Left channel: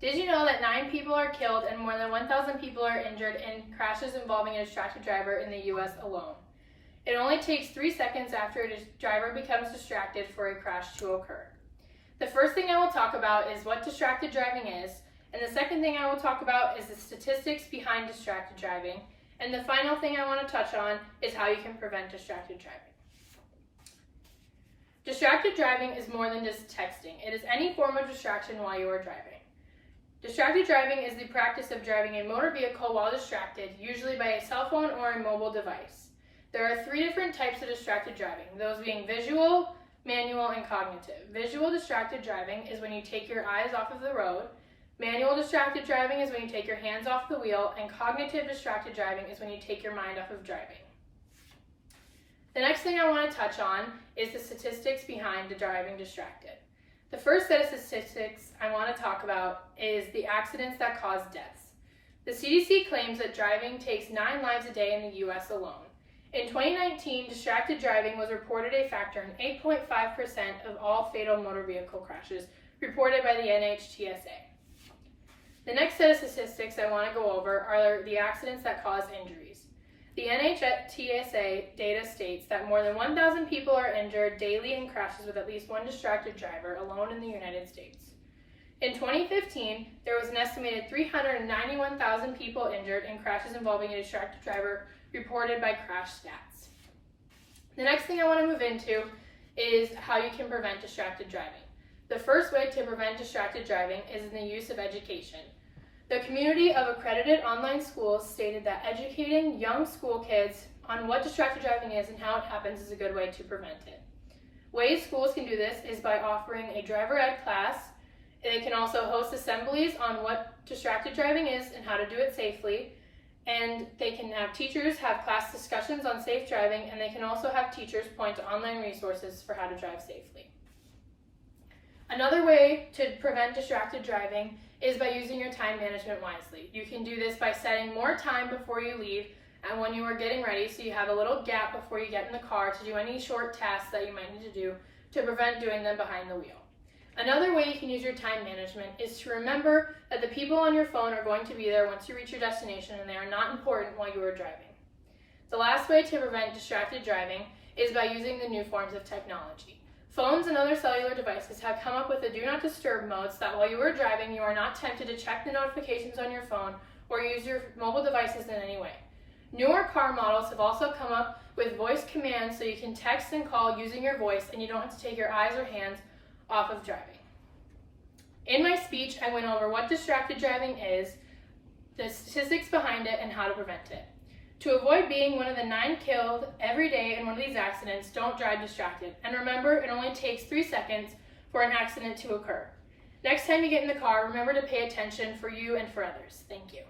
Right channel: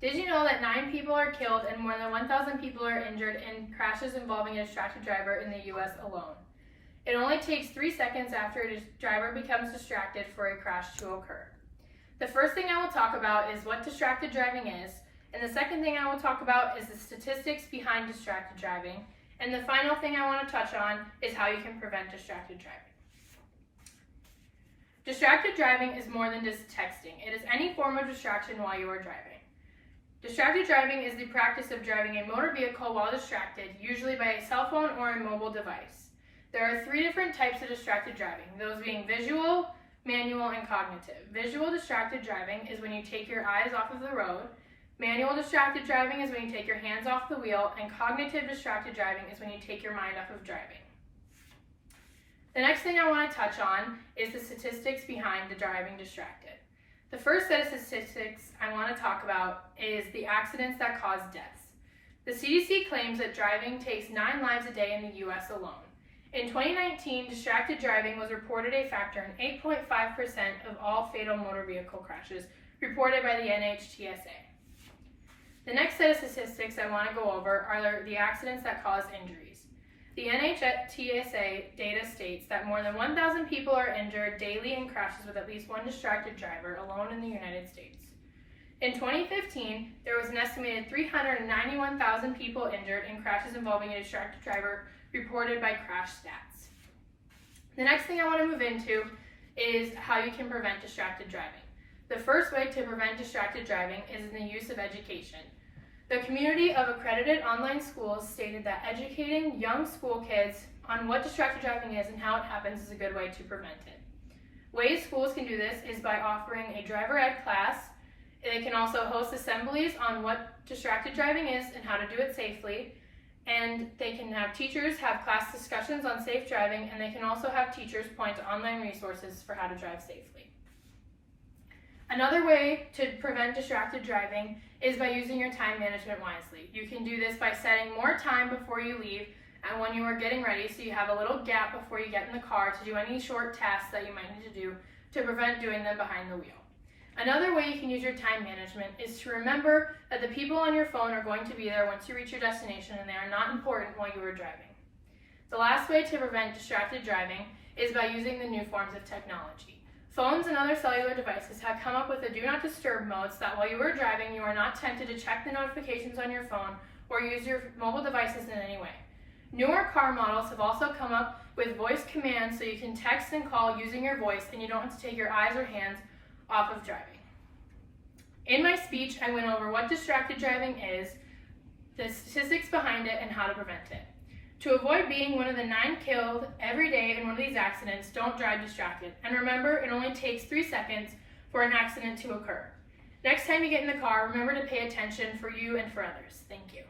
Did you know that 9 people are killed and more than 1,000 people are injured in crashes involving a distracted driver in the US alone? It only takes 3 seconds after a driver becomes distracted for a crash to occur. The first thing I will talk about is what distracted driving is, and the second thing I will talk about is the statistics behind distracted driving, and the final thing I want to touch on is how you can prevent distracted driving. Distracted driving is more than just texting. It is any form of distraction while you are driving. Distracted driving is the practice of driving a motor vehicle while distracted, usually by a cell phone or a mobile device. There are 3 different types of distracted driving, those being visual, manual, and cognitive. Visual distracted driving is when you take your eyes off of the road. Manual distracted driving is when you take your hands off the wheel, and cognitive distracted driving is when you take your mind off of driving. The next thing I want to touch on is the statistics behind the driving distracted. The first set of statistics I want to talk about is the accidents that cause deaths. The CDC claims that driving takes 9 lives a day in the US alone. In 2019, distracted driving was reported a factor in 8.5% of all fatal motor vehicle crashes reported by the NHTSA. The next set of statistics I want to go over are the accidents that cause injuries. The NHTSA data states that more than 1,000 people are injured daily in crashes with at least one distracted driver alone in the United States. In 2015, there was an estimated 391,000 people injured in crashes involving a distracted driver reported by Crash Stats. The next thing I want to move into is how you can prevent distracted driving. The first way to prevent distracted driving is in the use of education. The community of accredited online schools stated that educating young school kids on what distracted driving is and how it happens is a good way to prevent it. Ways schools can do this is by offering a driver ed class. They can also host assemblies on what distracted driving is and how to do it safely. And they can have teachers have class discussions on safe driving, and they can also have teachers point to online resources for how to drive safely. Another way to prevent distracted driving is by using your time management wisely. You can do this by setting more time before you leave and when you are getting ready, so you have a little gap before you get in the car to do any short tasks that you might need to do to prevent doing them behind the wheel. Another way you can use your time management is to remember that the people on your phone are going to be there once you reach your destination and they are not important while you are driving. The last way to prevent distracted driving is by using the new forms of technology. Phones and other cellular devices have come up with the do not disturb mode so that while you are driving, you are not tempted to check the notifications on your phone or use your mobile devices in any way. Newer car models have also come up with voice commands so you can text and call using your voice and you don't have to take your eyes or hands off of driving. In my speech, I went over what distracted driving is, the statistics behind it, and how to prevent it. To avoid being one of the 9 killed every day in one of these accidents, don't drive distracted. And remember, it only takes 3 seconds for an accident to occur. Next time you get in the car, remember to pay attention for you and for others. Thank you.